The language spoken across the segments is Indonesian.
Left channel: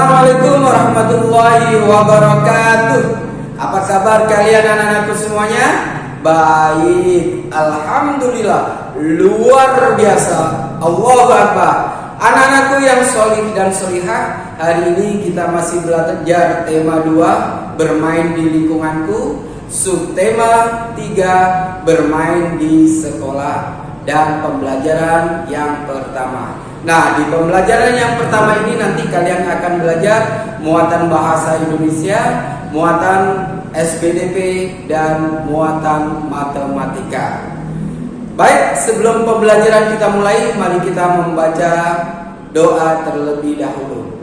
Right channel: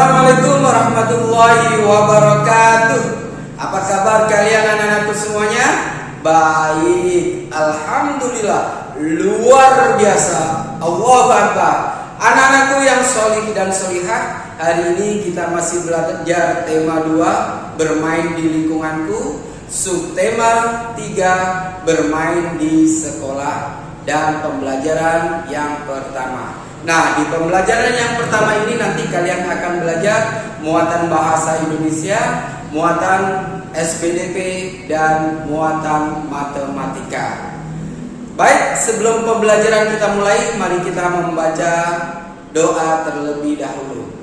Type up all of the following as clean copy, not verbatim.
Assalamualaikum warahmatullahi wabarakatuh. Apa kabar kalian anak-anakku semuanya? Baik, alhamdulillah, luar biasa. Allahu Akbar. Anak-anakku yang solih dan solihah, hari ini kita masih belajar tema 2, bermain di lingkunganku. Subtema 3, bermain di sekolah. Dan pembelajaran yang pertama. Nah, di pembelajaran yang pertama ini nanti kalian akan belajar muatan bahasa Indonesia, muatan SPDP, dan muatan matematika. Baik, sebelum pembelajaran kita mulai, mari kita membaca doa terlebih dahulu.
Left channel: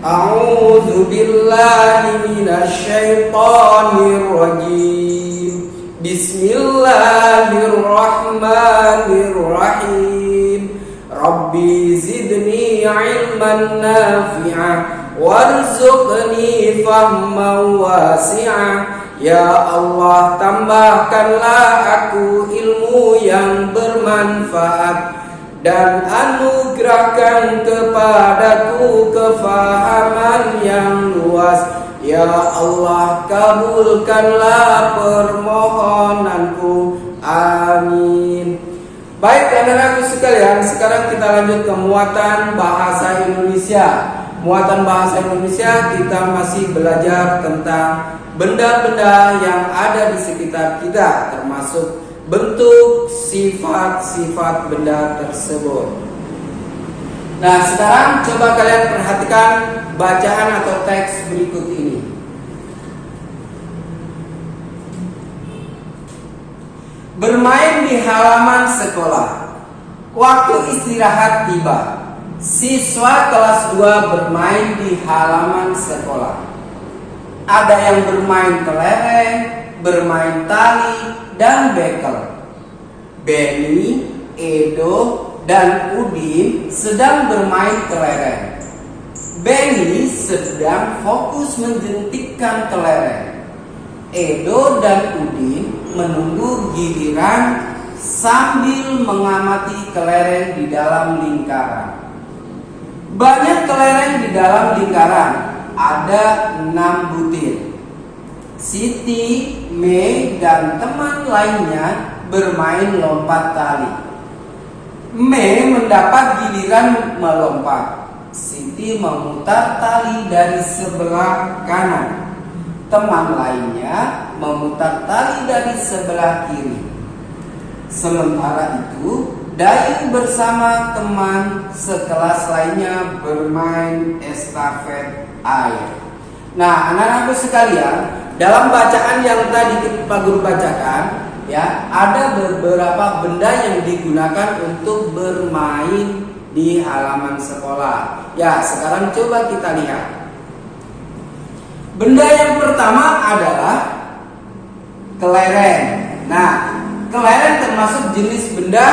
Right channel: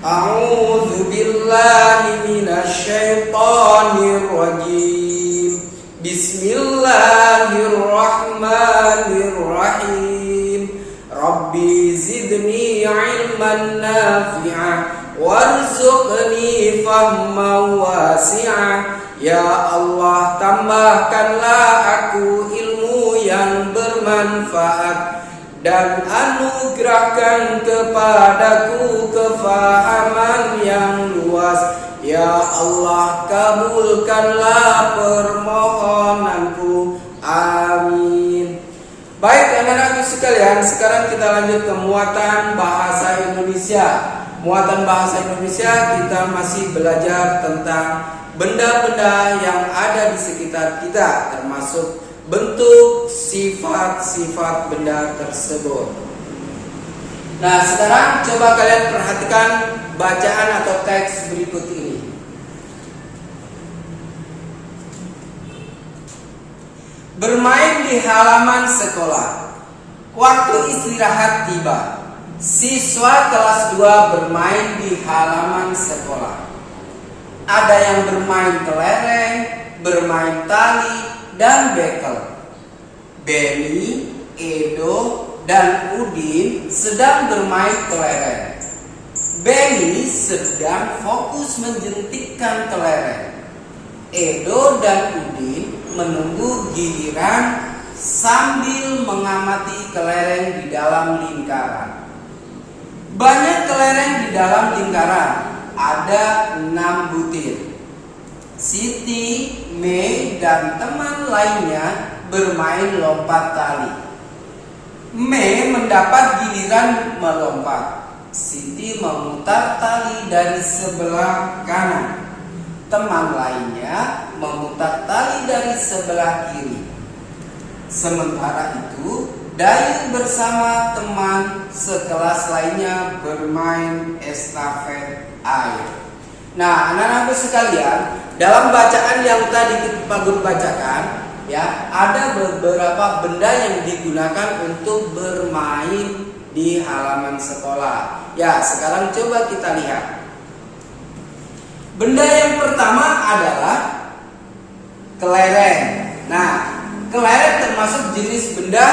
A'udzu billahi minasyaitonir rajim. Bismillahirrahmanirrahim. Rabbi zidni ilman nafi'ah warzuqni fahman wasi'ah. Ya Allah, tambahkanlah aku ilmu yang bermanfaat dan anugerahkan kepadaku kefahaman yang luas. Ya Allah, kabulkanlah permohonanku. Amin. Baik anak-anakku sekalian, sekarang kita lanjut ke muatan bahasa Indonesia. Muatan bahasa Indonesia kita masih belajar tentang benda-benda yang ada di sekitar kita, termasuk bentuk, sifat-sifat benda tersebut. Nah, sekarang coba kalian perhatikan bacaan atau teks berikut ini. Bermain di halaman sekolah. Waktu istirahat tiba. Siswa kelas 2 bermain di halaman sekolah. Ada yang bermain kelereng, bermain tali, dan bekel. Benny, Edo, dan Udin sedang bermain kelereng. Benny sedang fokus menjentikkan kelereng. Edo dan Udin menunggu giliran sambil mengamati kelereng di dalam lingkaran. Banyak kelereng di dalam lingkaran, ada 6 butir. Siti, Mei, dan teman lainnya bermain lompat tali. Mei mendapat giliran melompat. Siti memutar tali dari sebelah kanan. Teman lainnya memutar tali dari sebelah kiri. Sementara itu, Dayu bersama teman sekelas lainnya bermain estafet air. Nah, anak-anak sekalian, dalam bacaan yang tadi Pak Guru bacakan, ya, ada beberapa benda yang digunakan untuk bermain di halaman sekolah. Ya, sekarang coba kita lihat. Benda yang pertama adalah kelereng. Nah, kelereng termasuk jenis benda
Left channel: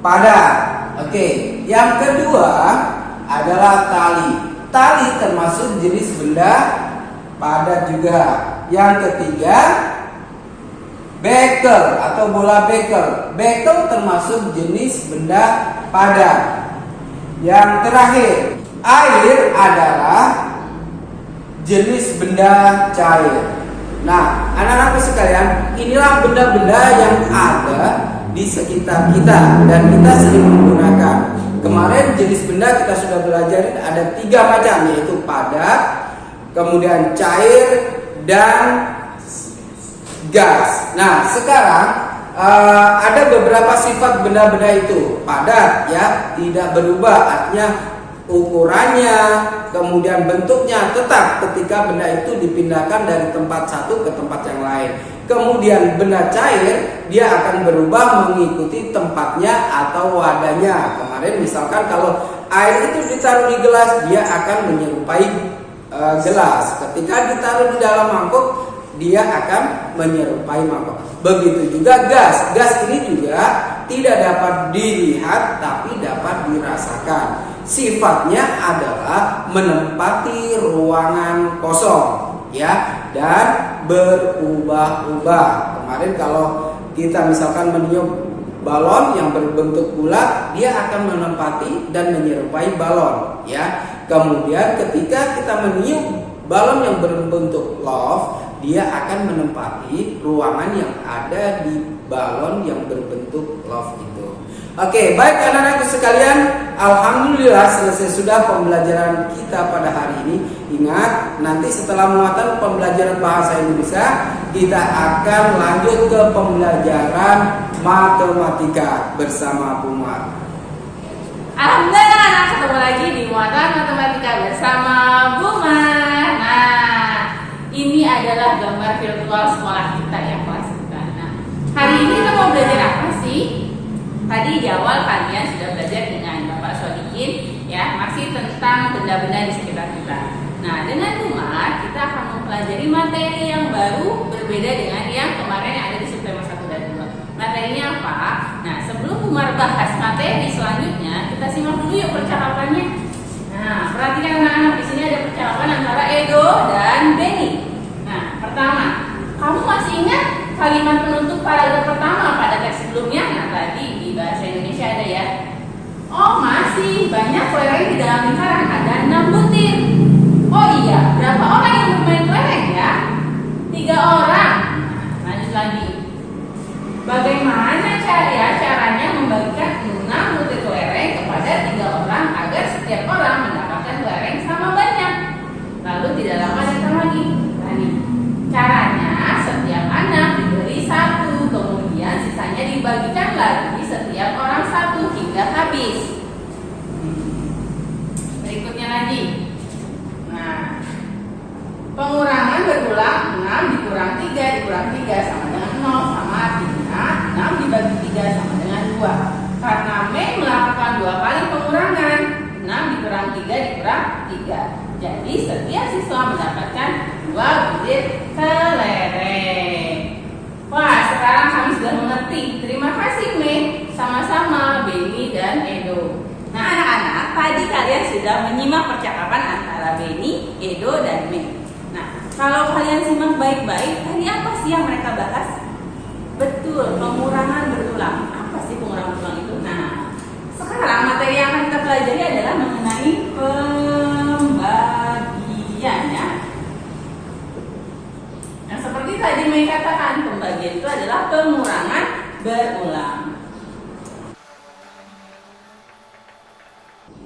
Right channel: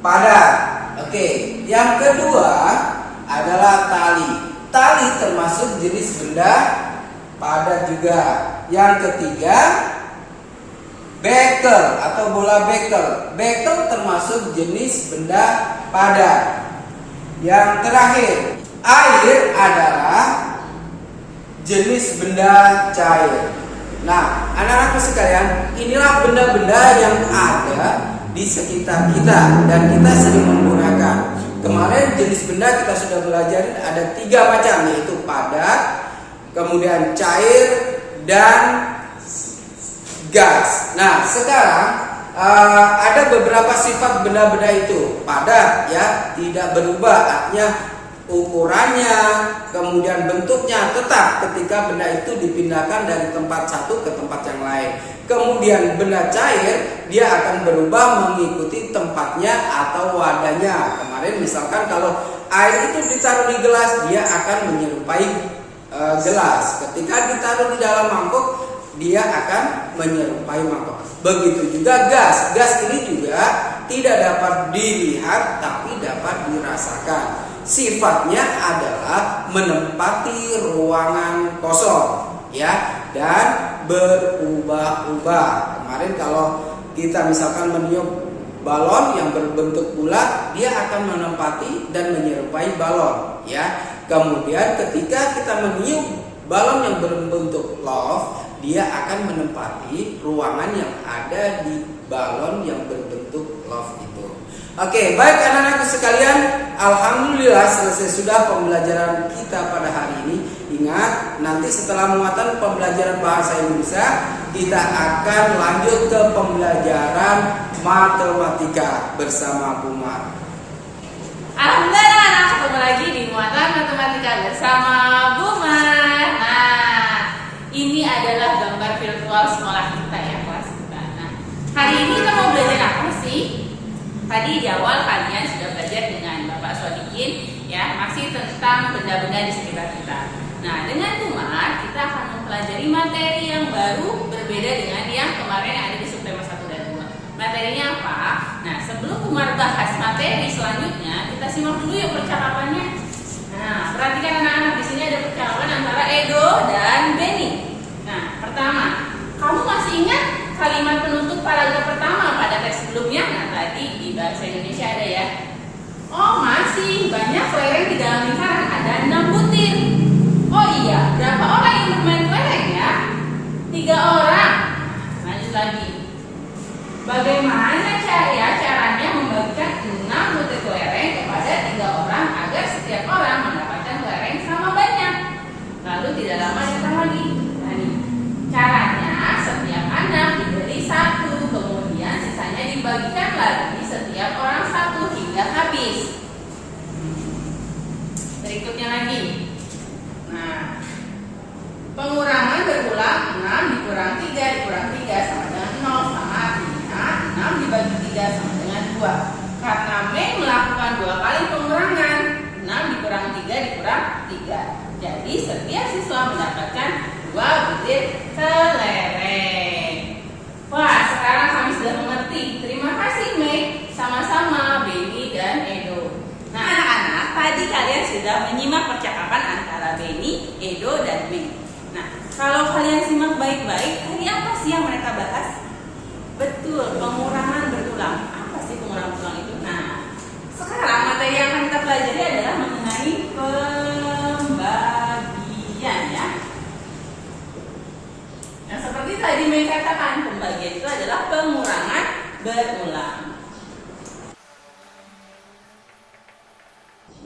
padat. Oke, yang kedua adalah tali. Tali termasuk jenis benda padat juga. Yang ketiga, bekel atau bola bekel. Bekel termasuk jenis benda padat. Yang terakhir, air adalah jenis benda cair. Nah, anak-anakku sekalian, inilah benda-benda yang ada di sekitar kita dan kita sering menggunakan. Kemarin jenis benda kita sudah belajar ada 3 macam, yaitu padat, kemudian cair, dan gas. Nah, sekarang ada beberapa sifat benda-benda itu. Padat, ya, tidak berubah, artinya ukurannya, kemudian bentuknya tetap ketika benda itu dipindahkan dari tempat satu ke tempat yang lain. Kemudian benda cair, dia akan berubah mengikuti tempatnya atau wadahnya. Kemarin misalkan kalau air itu ditaruh di gelas, dia akan menyerupai gelas. Ketika ditaruh di dalam mangkuk, dia akan menyerupai mangkok. Begitu juga gas. Gas ini juga tidak dapat dilihat tapi dapat dirasakan. Sifatnya adalah menempati ruangan kosong, ya, dan berubah-ubah. Kemarin kalau kita misalkan meniup balon yang berbentuk bulat, dia akan menempati dan menyerupai balon, ya. Kemudian ketika kita meniup balon yang berbentuk love, dia akan menempati ruangan yang ada di balon yang berbentuk love itu. Oke, baik anak-anakku sekalian, alhamdulillah selesai sudah pembelajaran kita pada hari ini. Ingat, nanti setelah muatan pembelajaran bahasa Indonesia, kita akan lanjut ke pembelajaran matematika bersama Bu Mar. Alhamdulillah anak ketemu lagi di muatan matematika bersama Bu Mar. Nah, ini adalah gambar virtual sekolah kita ya, kelas kita. Nah, hari ini kita mau belajar apa sih? Tadi di awal kalian sudah belajar dengan Bapak Sodikin ya, masih tentang benda-benda di sekitar kita. Nah, dengan Bu Mar kita akan mempelajari materi yang baru berbeda dengan yang kemarin yang ada di subtema 1 dan 2. Materinya apa? Nah, sebelum Bu Mar bahas materi selanjutnya, kita simak dulu yuk percakapannya. Nah, perhatikan anak-anak, di sini ada percakapan antara Edo dan Benny. Nah, pertama, kamu masih ingat kalimat penutup paragraf pertama pada teks sebelumnya? Nah, tadi di bahasa Indonesia ada ya. Oh, masih banyak kelereng di dalam lingkaran, ada 6 butir. Oh iya, berapa orang yang bermain kelereng ya? 3 orang. Lanjut lagi. Bagaimana caranya membagikan 6 butir kelereng kepada 3 orang agar setiap orang mendapatkan kelereng sama banyak? Lalu tidak lama datang lagi. Nah, nih. Caranya setiap anak diberi 1, kemudian sisanya dibagikan lagi setiap orang 1 hingga habis. Berikutnya lagi. Nah, pengurangan berulang, 6 dikurang 3 dikurang 3 sama dengan 0, sama artinya 6 dibagi 3 sama dengan 2. Karena Mei melakukan 2 kali pengurangan, 6 dikurang 3 dikurang 3. Jadi setiap siswa mendapatkan 2 butir kelereng. Wah, sekarang kami sudah mengerti. Terima kasih Mei, sama-sama Benny dan Edo. Nah anak-anak, tadi kalian sudah menyimak percakapan antara Benny, Edo, dan Mei. Nah, kalau kalian simak baik-baik, tadi apa sih yang mereka bahas? Betul, pengurangan berulang. Apa sih pengurangan berulang itu? Nah, sekarang materi yang akan kita pelajari adalah mengenai pembagian ya. Nah, seperti tadi Mei katakan, pembagian itu adalah pengurangan berulang.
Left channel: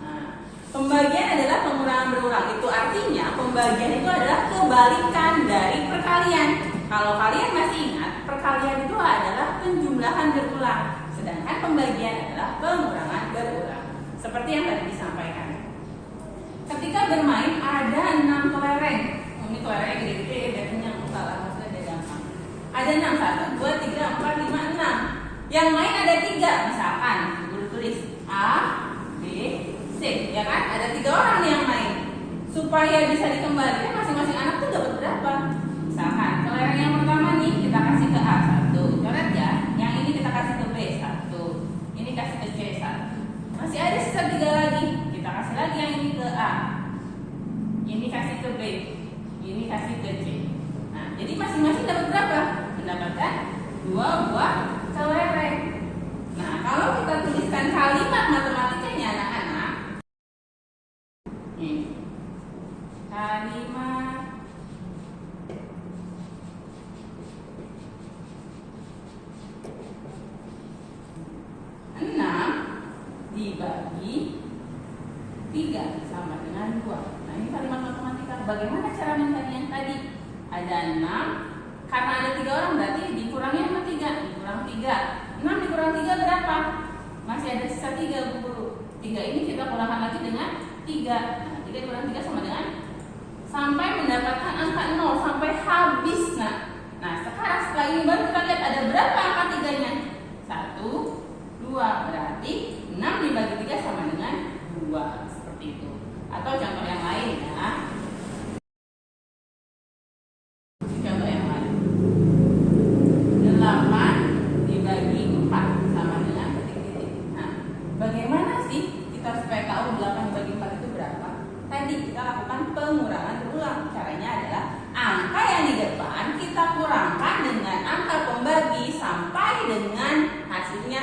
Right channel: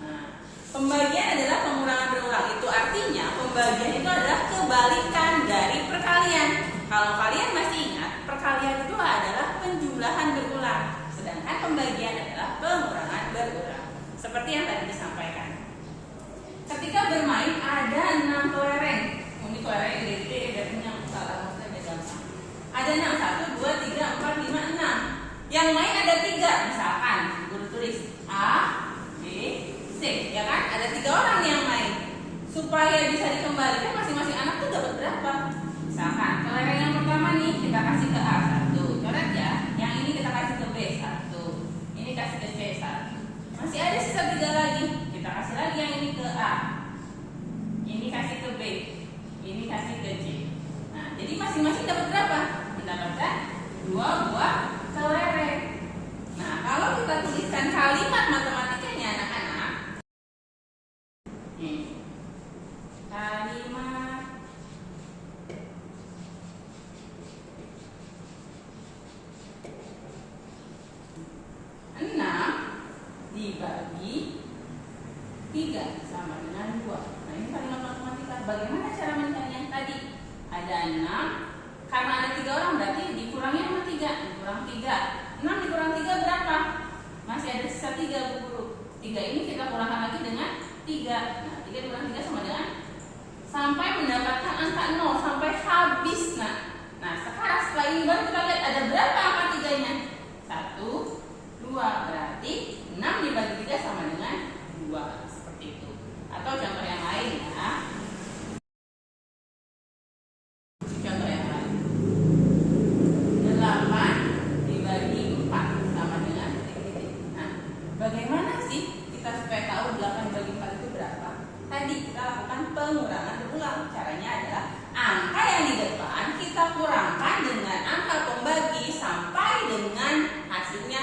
Nah, pembagian adalah pengurangan berulang. Itu artinya pembagian itu adalah kebalikan dari perkalian. Kalau kalian masih ingat, perkalian itu adalah penjumlahan berulang, sedangkan pembagian adalah pengurangan berulang. Seperti yang tadi disampaikan. Ketika bermain ada 6 kelereng. Ini kelerengnya gede-gede dan punya salah, maksudnya ada gampang. Ada 6, 1, 2, 3, 4, 5, 6. Yang main ada 3, misalkan guru tulis A, B, C, ya kan? Ada 3 orang nih yang main. Supaya bisa dikembalikan masing-masing anak tuh dapat berapa? Misalkan kelereng yang pertama nih kita kasih ke A 1, coret ya. Yang ini kita kasih ke B 1, ini kasih ke C 1. Masih ada sisa 3 lagi. Kita kasih lagi yang ini ke A, ini kasih ke B, ini kasih ke C. Nah, jadi masing-masing dapat berapa? Mendapatkan 2 buah kelereng. Nah, kalau kita tuliskan kalimat matematikanya anak-anak, nih, kalimat dibagi 3 sama dengan 2. Nah, ini kalimat matematika. Bagaimana cara mencari yang tadi? Ada 6, karena ada 3 orang berarti dikurangi sama 3, dikurang 3. 6 dikurang 3 berapa? Masih ada sisa 3 Bu Guru. 3 ini kita kurangkan lagi dengan 3. Nah, 3 dikurang 3 sama dengan, sampai mendapatkan angka 0 sampai habis. Nah, sekarang setelah ini baru kita lihat ada berapa angka 3-nya? 1, 2, berarti 6 dibagi 3 sama dengan 2, seperti itu. Atau contoh yang lain ya. Contoh yang lain. 8 dibagi 4 sama dengan titik-titik. Nah, bagaimana sih kita supaya tahu 8 dibagi 4 itu berapa? Tadi kita lakukan pengurangan berulang. Caranya adalah angka yang di depan kita kurangkan dengan angka pembagi sampai dengan hasilnya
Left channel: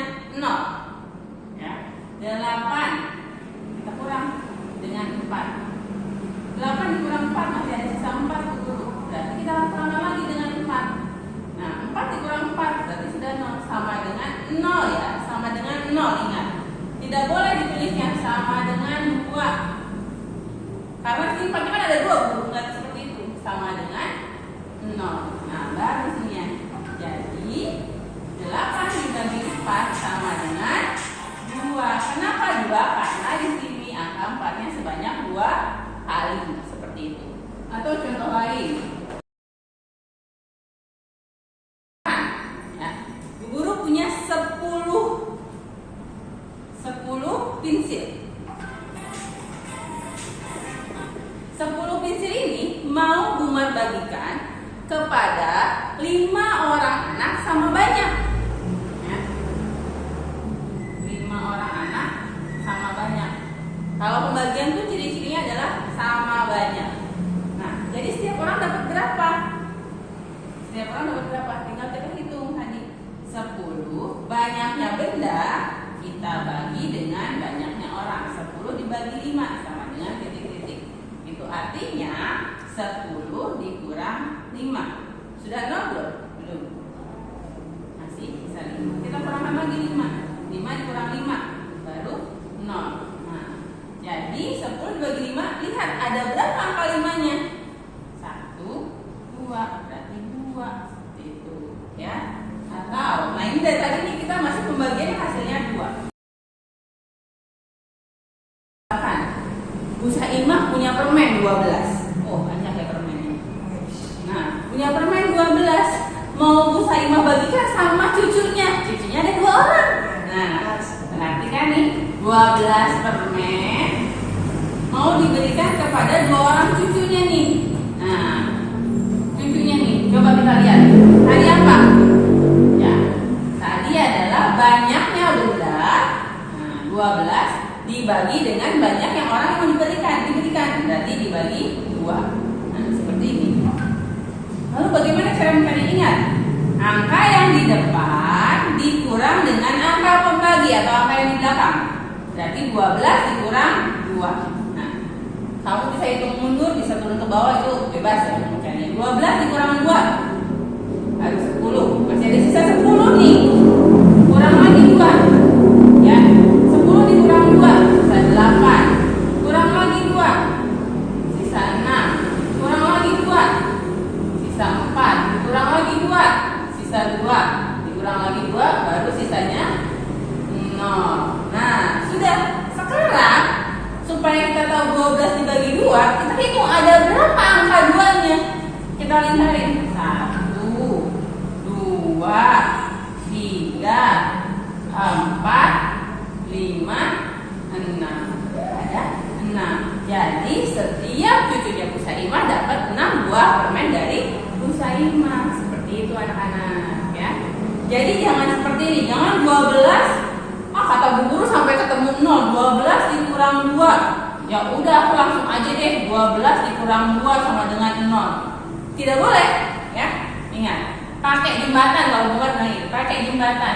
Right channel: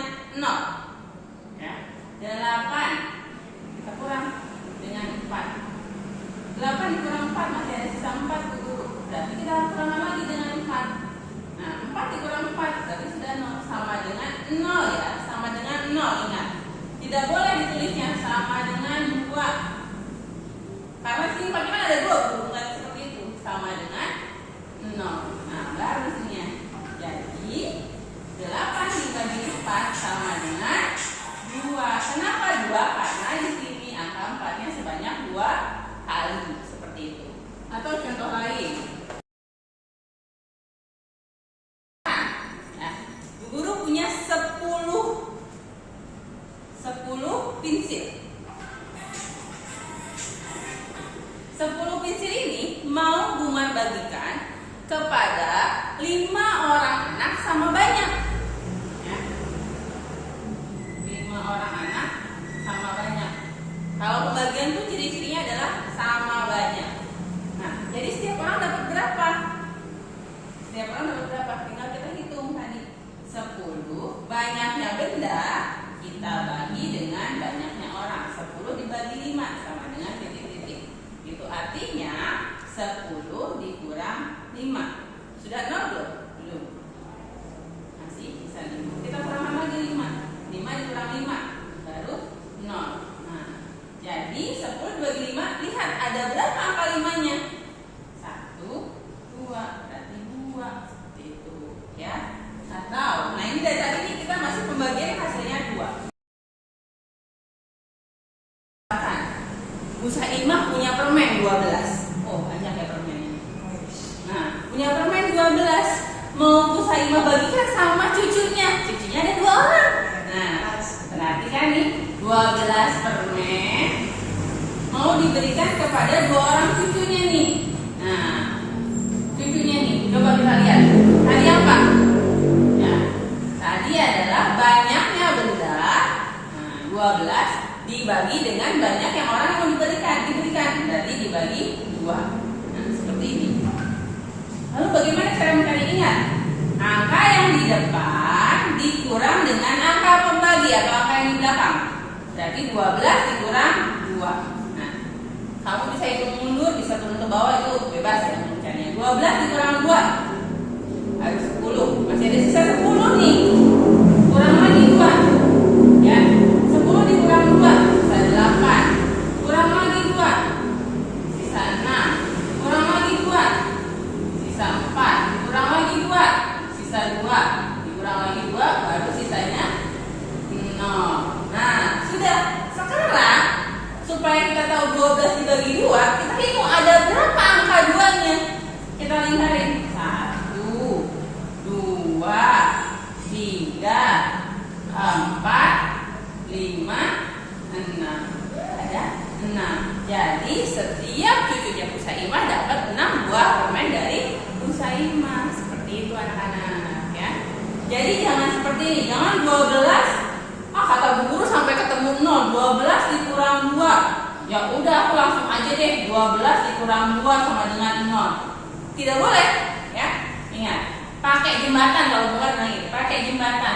4. 8 dikurang 4 masih ada sisa 4 Bu Guru. Berarti kita harus kurangkan lagi dengan 4. Nah, 4 dikurang 4 berarti sudah 0, sama dengan 0 ya, sama dengan 0. Ingat, tidak boleh ditulisnya sama dengan 2. Karena sini kan ada 2 Bu, enggak seperti itu. Sama dengan 0. Nah, baru sini ya. Jadi 8 dibagi 4 sama dengan 2. Kenapa 2? Karena di sini angka 4-nya sebanyak 2 kali, seperti itu. Atau contoh lain. Ya, Bu Guru punya 10 pensil. 10 pensil ini mau Bumar bagikan kepada 5 orang anak sama banyak. Ya. 5 orang anak sama banyak. Kalau pembagian tuh ciri-cirinya adalah sama banyak. Nah, jadi setiap orang dapat berapa? Setiap orang dapat berapa? Tinggal kita hitung tadi. 10 banyaknya benda kita bagi dengan banyaknya orang. 10 dibagi 5 sama dengan titik-titik. Itu artinya 10 dikurang 5. Sudah 0 belum? Belum. Masih sisa 5. Kita kurangkan lagi 5. 5 dikurang 5 baru 0. Nah, jadi 10 dibagi 5, lihat ada berapa angka 5-nya? 1, 2, berarti 2. Seperti itu, ya. Atau, nah ini dari tadi nih kita masih pembagian hasilnya 2. Bu Saimah punya permen 12. Oh, banyak ya permennya. Nah, punya permen 12. Mau Bu Saimah bagikan sama cucunya. Cucunya ada 2 orang. Nah, perhatikan nih, 12 permen mau diberikan kepada 2 orang cucunya nih. Nah, cucunya nih, coba kita lihat. Tadi apa? Ya, tadi adalah banyaknya benda. Nah, 12 dibagi dengan banyak yang orang yang mau diberikan, berarti dibagi 2. Nah, seperti ini. Lalu bagaimana cara mencari? Ingat, angka yang di depan dikurang dengan angka pembagi atau angka yang di belakang. Berarti 12 dikurang 2. Nah, kamu bisa hitung mundur, bisa turun ke bawah, itu bebas ya mencarinya. 12 dikurang 2 harus 10. Masih ada sisa 10 nih. Kurang lagi 2. Ya, 10 dikurang 2 sisa 8. Kurang lagi 2 sisa 6. Kurang lagi 2 sisa 4. Kurang lagi 2 sisa 2. Dikurang lagi 2 baru sisanya 0. Nah, sudah. Sekarang supaya kita tahu 12 dibagi 2, kita hitung ada berapa angka 2-nya. Kita lingkarin. 1, 2, 3, 4, 5, 6. Ada 6. Jadi setiap cucunya Bu Saimah dapat 6 buah permen dari Bu Saimah. Seperti itu anak-anak ya. Jadi jangan seperti ini. Jangan 12. Kata Bu Guru sampai ketemu 0. 12 dikurang 2. Ya udah, aku langsung aja deh. 12 dikurang 2 sama dengan 0. Tidak boleh ya. Ingat, pakai jembatan. Kalau Bu Guru bilang gitu, pakai jembatan.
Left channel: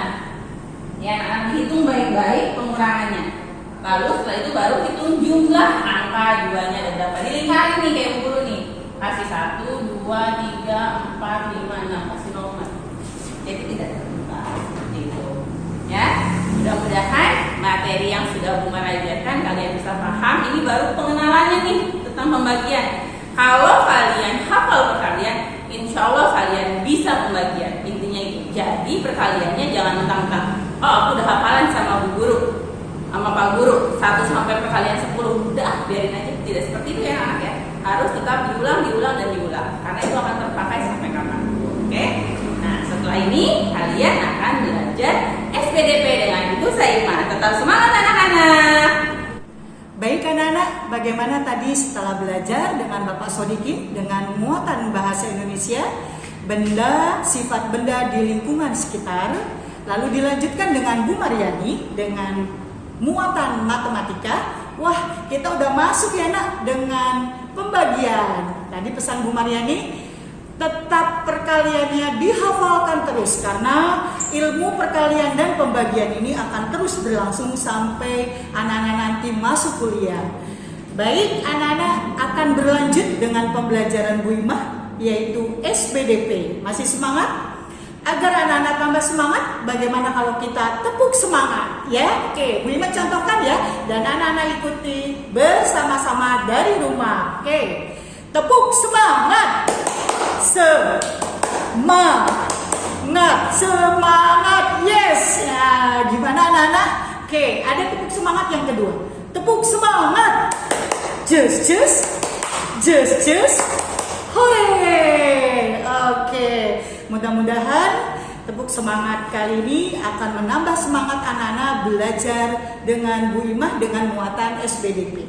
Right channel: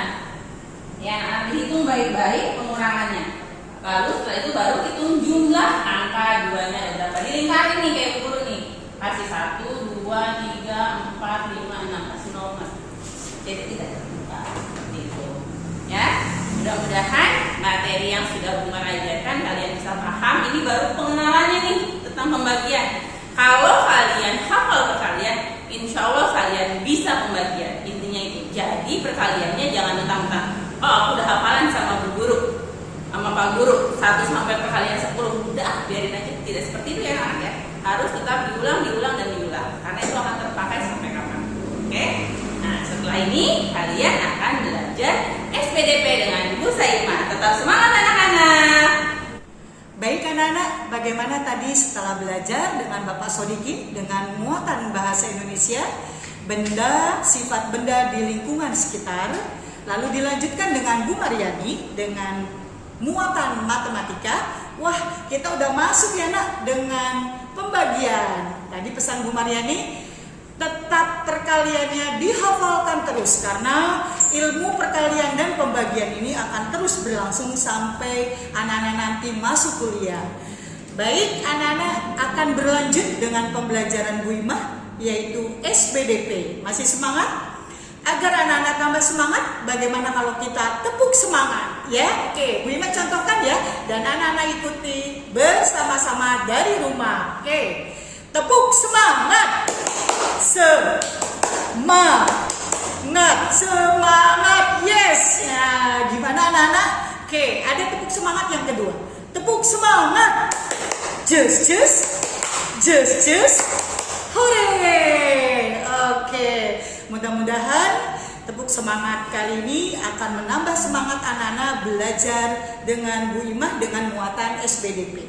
Ya, anak-anak dihitung baik-baik pengurangannya. Lalu setelah itu baru hitung jumlah angka 2-nya ada berapa. Dilingkarin nih kayak Bu Guru nih. Kasih 1, 2, 3, 4, 5, 6. Kasih nomor. Jadi tidak terlupa. Seperti itu. Ya, mudah-mudahan materi yang sudah Bu Mara ajarkan kalian bisa paham. Ini baru pengenalannya nih tentang pembagian. Kalau kalian hafal perkalian, insya Allah kalian bisa pembagian. Intinya itu. Jadi perkaliannya jangan mentang-mentang, oh aku udah hafalan sama Bu Guru, sama Pak Guru 1 sampai perkalian 10. Udah, biarin aja. Tidak seperti itu ya anak ya. Harus tetap diulang dan diulang. Karena itu akan terpakai sampai kapan. Oke? Nah, setelah ini kalian akan belajar SPDP dengan Bu Saimah. Tetap semangat anak-anak. Baik anak-anak, bagaimana tadi setelah belajar dengan Bapak Sodikin dengan muatan bahasa Indonesia, benda, sifat benda di lingkungan sekitar, lalu dilanjutkan dengan Bu Mariani dengan muatan matematika. Wah, kita udah masuk ya nak dengan pembagian. Tadi pesan Bu Mariani, tetap perkaliannya dihafalkan terus karena ilmu perkalian dan pembagian ini akan terus berlangsung sampai anak-anak nanti masuk kuliah. Baik, anak-anak akan berlanjut dengan pembelajaran Bu Imah, yaitu SBDP. Masih semangat? Agar anak-anak tambah semangat, bagaimana kalau kita tepuk semangat? Ya, oke, Bu Imah contohkan ya, dan anak-anak ikuti bersama-sama dari rumah. Oke, tepuk semangat. Semangat, yes. Nah, gimana anak-anak? Oke, ada tepuk semangat yang kedua. Tepuk semangat. Just. Hore. Oke, mudah-mudahan tepuk semangat kali ini akan menambah semangat anak-anak belajar dengan Bu Imah dengan muatan SBDP.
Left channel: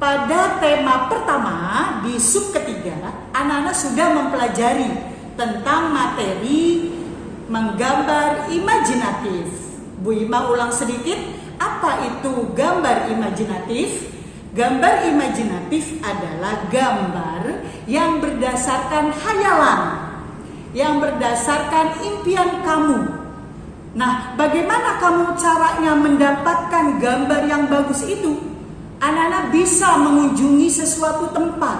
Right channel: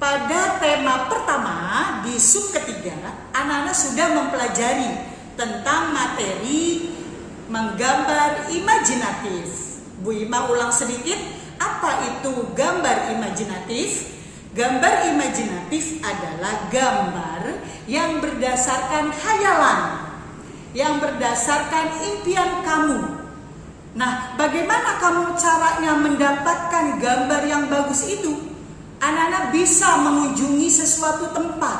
Pada tema pertama di sub ketiga, anak-anak sudah mempelajari tentang materi menggambar imajinatif. Bu Imah ulang sedikit, apa itu gambar imajinatif? Gambar imajinatif adalah gambar yang berdasarkan khayalan, yang berdasarkan impian kamu. Nah, bagaimana kamu caranya mendapatkan gambar yang bagus itu? Anak-anak bisa mengunjungi sesuatu tempat,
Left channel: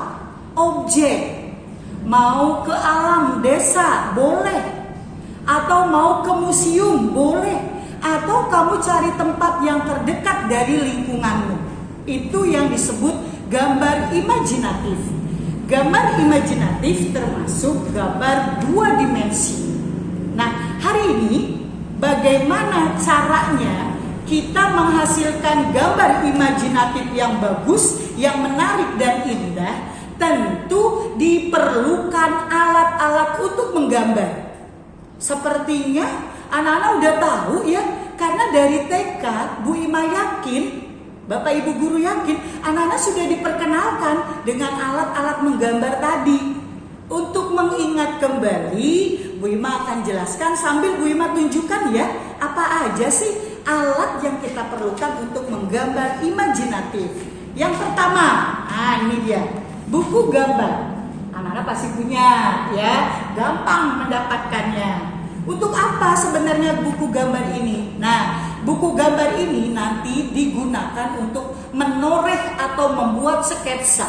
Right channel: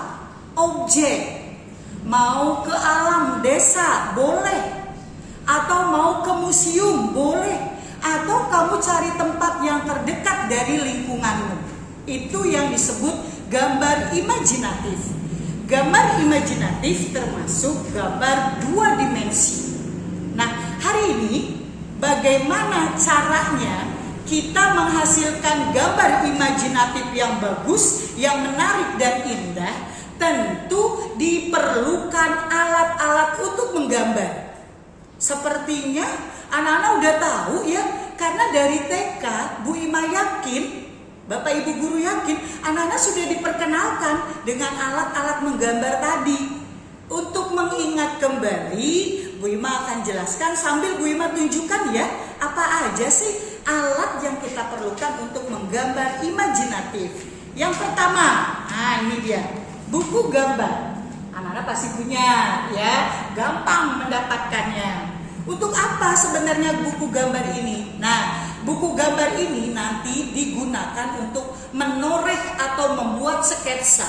objek, mau ke alam desa boleh, atau mau ke museum boleh, atau kamu cari tempat yang terdekat dari lingkunganmu. Itu yang disebut gambar imajinatif. Gambar imajinatif termasuk gambar dua dimensi. Nah, hari ini bagaimana caranya kita menghasilkan gambar imajinatif yang bagus, yang menarik dan indah? Tentu diperlukan alat-alat untuk menggambar. Sepertinya anak-anak udah tahu ya, karena dari TK Bu Imah yakin, Bapak Ibu guru yakin, anak-anak sudah diperkenalkan dengan alat-alat menggambar tadi. Untuk mengingat kembali, Bu Imah akan jelaskan sambil Bu Imah tunjukkan ya, apa aja sih alat yang kita perlukan untuk menggambar imajinatif. Yang pertama, nah ini dia, buku gambar. Anak-anak pasti punya ya, gampang mendapatkannya. Untuk apa sebenarnya buku gambar ini? Nah, buku gambar ini nanti digunakan untuk menoreh atau membuat sketsa.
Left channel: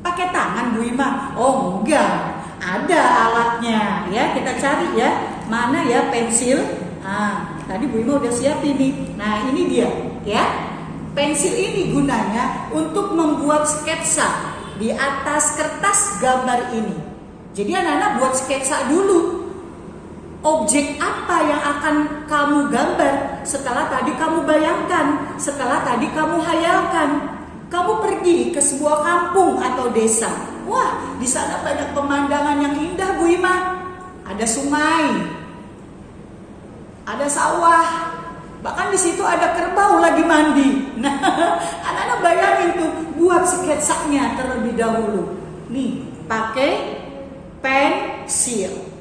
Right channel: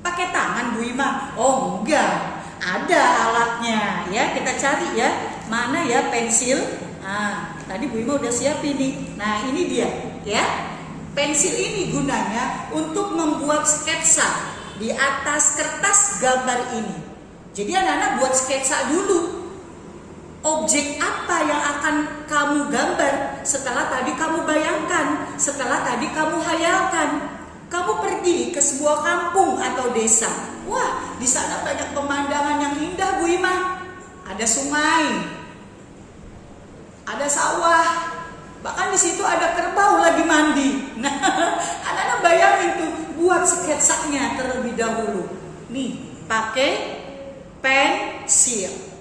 Pakai tangan Bu Imah? Oh enggak, ada alatnya ya. Kita cari ya, mana ya pensil? Nah, tadi Bu Imah udah siapin nih. Nah ini dia ya. Pensil ini gunanya untuk membuat sketsa di atas kertas gambar ini. Jadi anak-anak buat sketsa dulu. Objek apa yang akan kamu gambar setelah tadi kamu bayangkan, setelah tadi kamu hayalkan. Kamu pergi ke sebuah kampung atau desa. Wah, di sana banyak pemandangan yang indah Bu Imah. Ada sungai, ada sawah, bahkan di situ ada kerbau lagi mandi. Nah, anak-anak bayangin tuh, buat sketsanya terlebih dahulu. Nih, pakai pensil.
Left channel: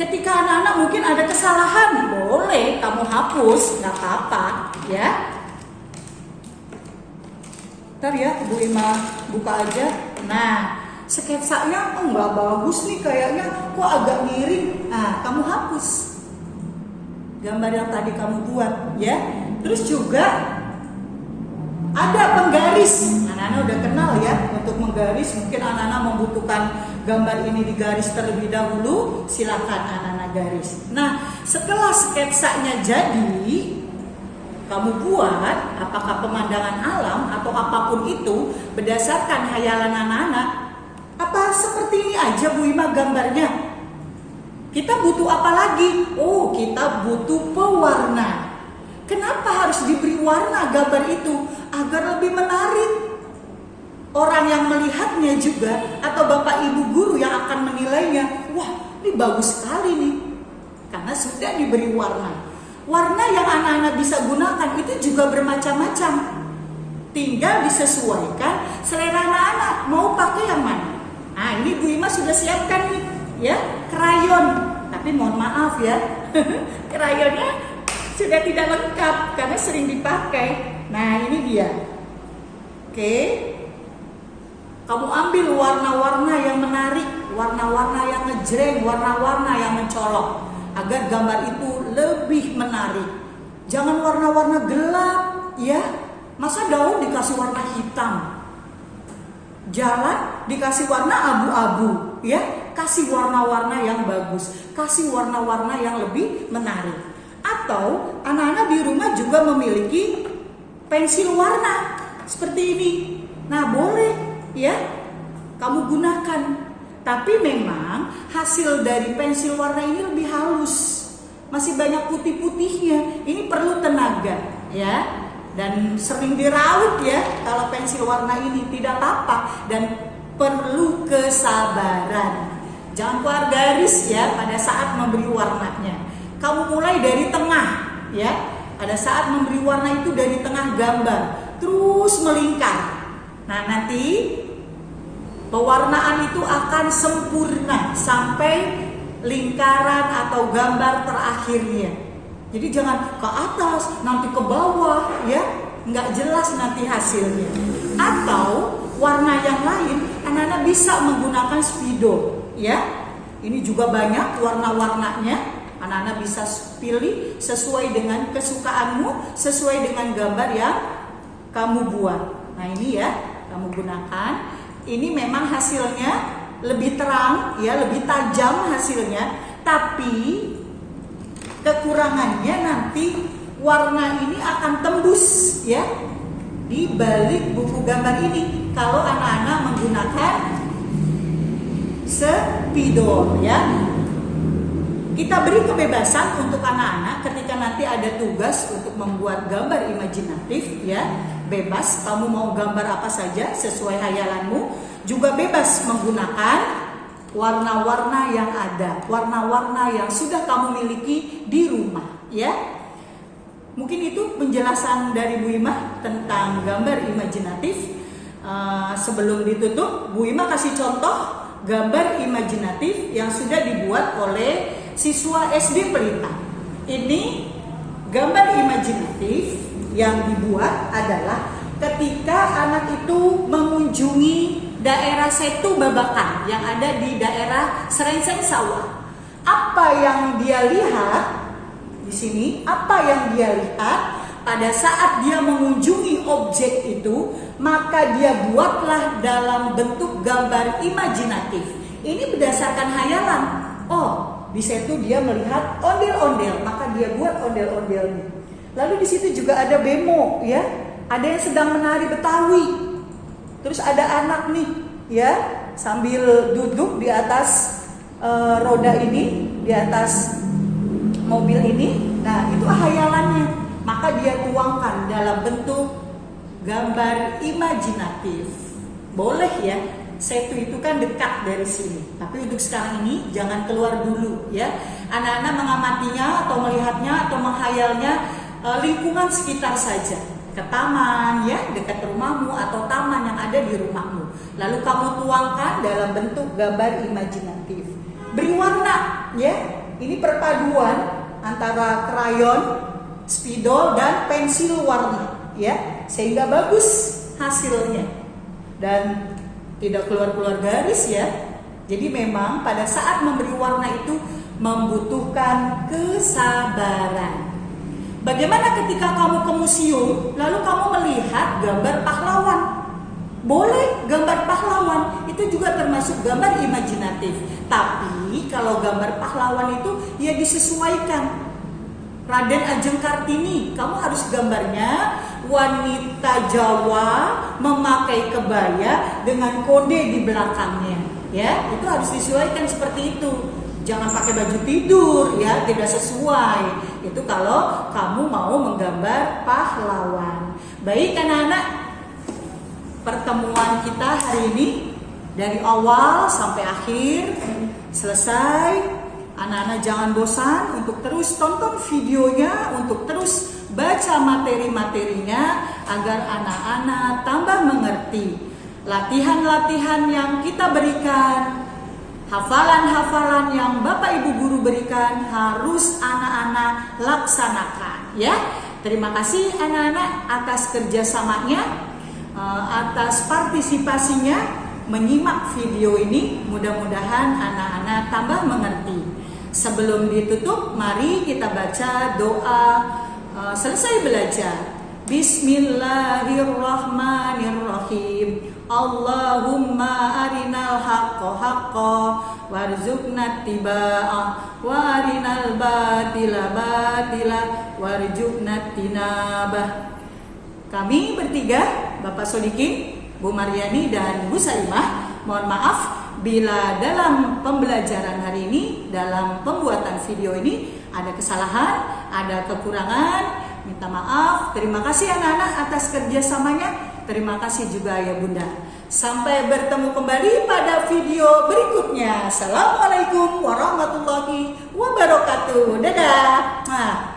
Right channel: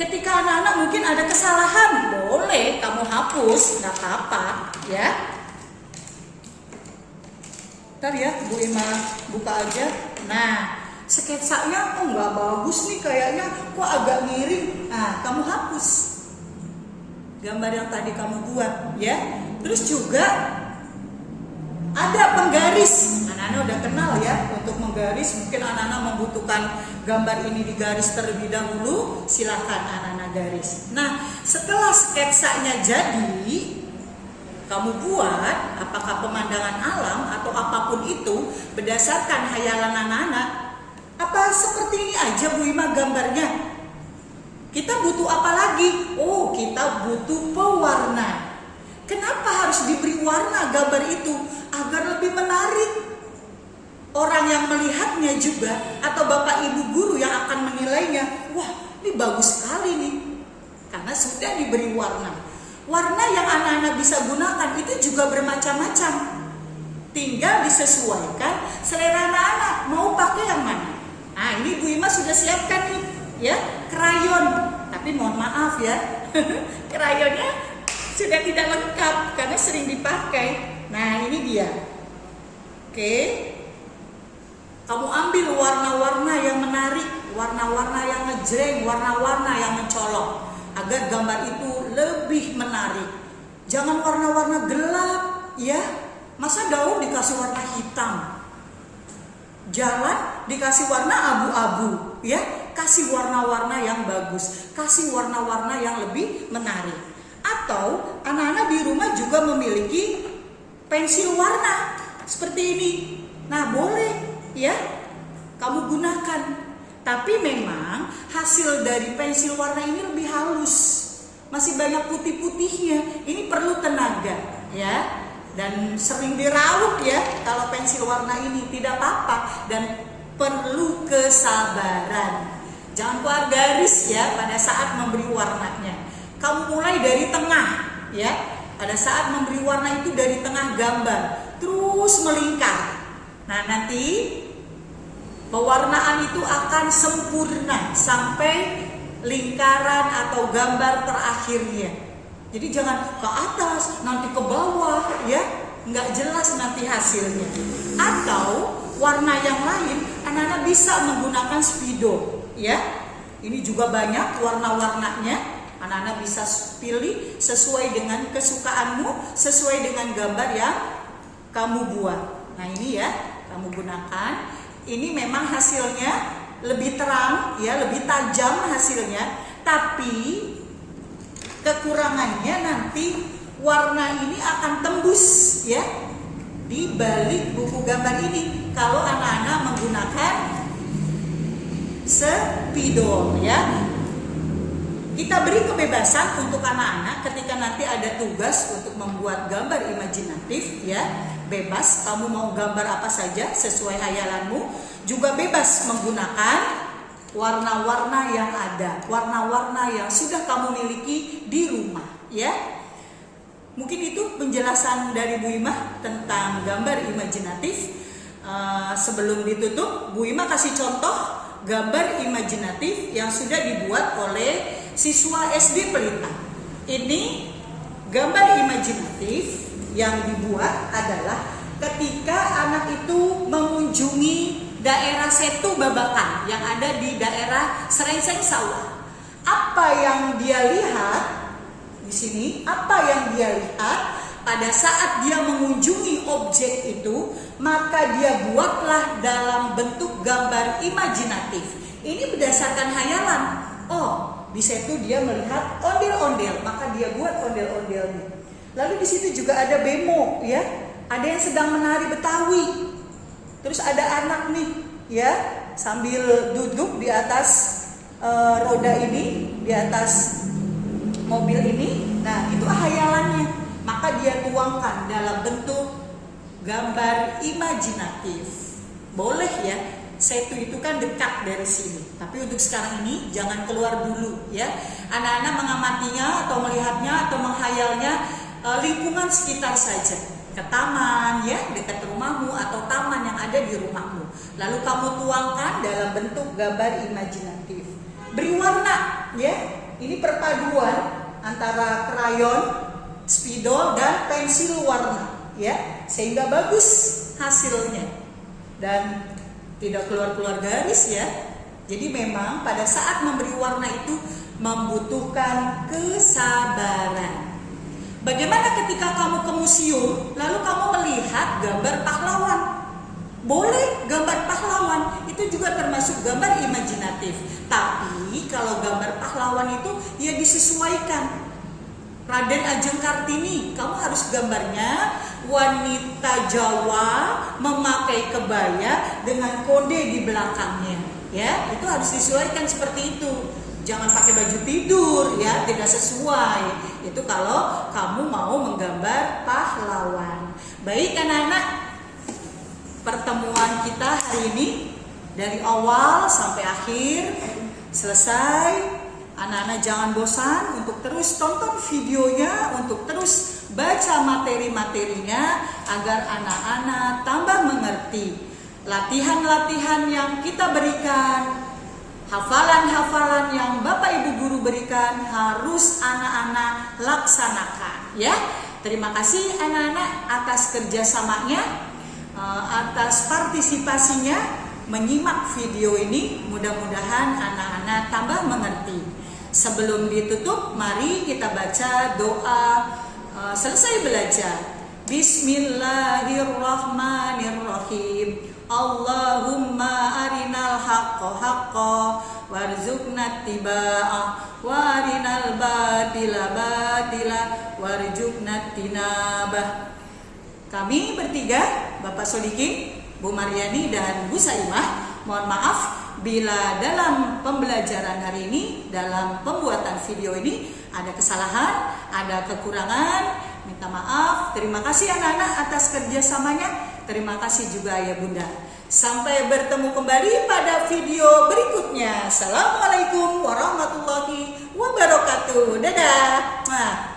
Ketika anak-anak mungkin ada kesalahan, boleh kamu hapus, nggak apa-apa, ya. Ntar ya, Bu Imah buka aja. Nah, sketsanya, oh nggak bagus nih kayaknya, kok agak miring. Nah, kamu hapus gambar yang tadi kamu buat, ya. Terus juga ada penggaris. Anak-anak udah kenal ya untuk menggaris. Mungkin anak-anak membutuhkan gambar ini digaris terlebih dahulu. Silakan anak-anak garis. Nah, setelah sketsanya jadi, kamu buat apakah pemandangan alam atau apapun itu berdasarkan hayalan anak-anak. Apa seperti ini aja Bu Imah gambarnya? Kita butuh apa lagi? Oh, kita butuh pewarna. Kenapa harus diberi warna gambar itu? Agar lebih menarik. Orang yang melihatnya juga atau Bapak Ibu guru yang akan menilainya, wah ini bagus sekali nih. Karena sudah diberi warna. Warna yang anak-anak bisa gunakan itu juga bermacam-macam. Tinggal disesuaikan selera anak-anak mau pakai yang mana. Nah ini Bu Imah sudah siapkan nih ya, krayon. Tapi mohon maaf ya, krayonnya sudah tidak lengkap karena sering dipakai. Nah ini dia. Oke, kamu ambil warna-warna yang menarik, warna-warna yang ngejreng, warna-warna yang mencolok, agar gambar itu lebih menarik. Jangan warna-warna gelap ya, Masa daun dikasih warna hitam, jalan dikasih warna abu-abu, ya? Kasih warna-warna yang bagus, kasih warna-warna yang lebih menarik. Atau anak-anak di rumah juga memiliki pensil warna seperti ini. Nah, boleh ya kamu gunakan. Tapi memang hasil dari pensil warna ini lebih halus, masih banyak putih-putihnya. Ini perlu tenaga ya, dan sering diraut ya. Kalau pensil warna ini tidak apa-apa dan perlu kesabaran. Jangan keluar garis ya pada saat memberi warnanya. Kamu mulai dari tengah ya. Pada saat memberi warna itu dari tengah gambar terus melingkar. Nah, nanti pewarnaan itu akan sempurna sampai lingkaran atau gambar terakhirnya. Jadi jangan ke atas, nanti ke bawah ya, nggak jelas nanti hasilnya. Atau warna yang lain, anak-anak bisa menggunakan spidol ya. Ini juga banyak warna-warnanya. Anak-anak bisa pilih sesuai dengan kesukaanmu, sesuai dengan gambar yang kamu buat. Nah, ini ya, kamu gunakan. Ini memang hasilnya lebih terang ya, lebih tajam hasilnya, tapi kekurangannya nanti warna ini akan tembus ya di balik buku gambar ini kalau anak-anak menggunakan spidol ya. Kita beri kebebasan untuk anak-anak ketika nanti ada tugas untuk membuat gambar imajinatif ya. Bebas, kamu mau gambar apa saja sesuai hayalanmu. Juga bebas menggunakan warna-warna yang ada, warna-warna yang sudah kamu miliki di rumah ya. Mungkin itu penjelasan dari Bu Imah tentang gambar imajinatif. Sebelum ditutup, Bu Imah kasih contoh gambar imajinatif yang sudah dibuat oleh siswa SD Pelita. Ini gambar imajinatif yang dibuat adalah ketika anak itu mengunjungi daerah Setu Babakan yang ada di daerah Serengseng Sawah. Apa yang dia lihat di sini? Apa yang dia lihat pada saat dia mengunjungi objek itu, maka dia buatlah dalam bentuk gambar imajinatif. Ini berdasarkan hayalan. Oh, di situ dia melihat ondel-ondel, maka dia buat ondel-ondelnya. Lalu di situ juga ada bemo, ya, ada yang sedang menari Betawi. Terus ada anak nih, ya, sambil duduk di atas roda ini, di atas mobil ini. Nah, itu hayalannya, maka dia tuangkan dalam bentuk gambar imajinatif. Boleh ya. Setu itu kan dekat dari sini. Tapi untuk sekarang ini jangan keluar dulu ya. Anak-anak mengamatinya atau melihatnya atau menghayalnya lingkungan sekitar saja. Ke taman ya, dekat rumahmu atau taman yang ada di rumahmu. Lalu kamu tuangkan dalam bentuk gambar imajinatif. Beri warna ya. Ini perpaduan antara krayon, spidol dan pensil warna ya. Sehingga bagus hasilnya. Dan tidak keluar-keluar garis ya. Jadi memang pada saat memberi warna itu membutuhkan kesabaran. Bagaimana ketika kamu ke museum lalu kamu melihat gambar pahlawan? Boleh gambar pahlawan, itu juga termasuk gambar imajinatif. Tapi kalau gambar pahlawan itu ya disesuaikan. Raden Ajeng Kartini, kamu harus gambarnya wanita Jawa memakai kebaya dengan kode di belakangnya, ya. Itu harus disesuaikan seperti itu. Jangan pakai baju tidur, ya, tidak sesuai. Itu kalau kamu mau menggambar pahlawan. Baik anak-anak, pertemuan kita hari ini dari awal sampai akhir selesai. Anak-anak jangan bosan untuk terus tonton videonya, untuk terus baca materi-materinya agar anak-anak tambah mengerti. Latihan-latihan yang kita berikan, hafalan-hafalan yang Bapak Ibu Guru berikan harus anak-anak laksanakan ya. Terima kasih anak-anak atas kerjasamanya, atas partisipasinya menyimak video ini. Mudah-mudahan anak-anak tambah mengerti. Sebelum ditutup, mari kita baca doa selesai belajar. Bismillahirrahmanirrahim. Allahumma arinal haqqa haqqa warzuqna ittiba'ah wa arinal batila batila warzuqna tinabah. Kami bertiga, Bapak Sodikin, Bu Maryani dan Bu Saimah, mohon maaf bila dalam pembelajaran hari ini, dalam pembuatan video ini ada kesalahan, ada kekurangan. Minta maaf. Terima kasih anak-anak atas kerjasamanya. Terima kasih juga Ayah Bunda. Sampai bertemu kembali pada video berikutnya. Assalamualaikum warahmatullahi wabarakatuh. Dadah.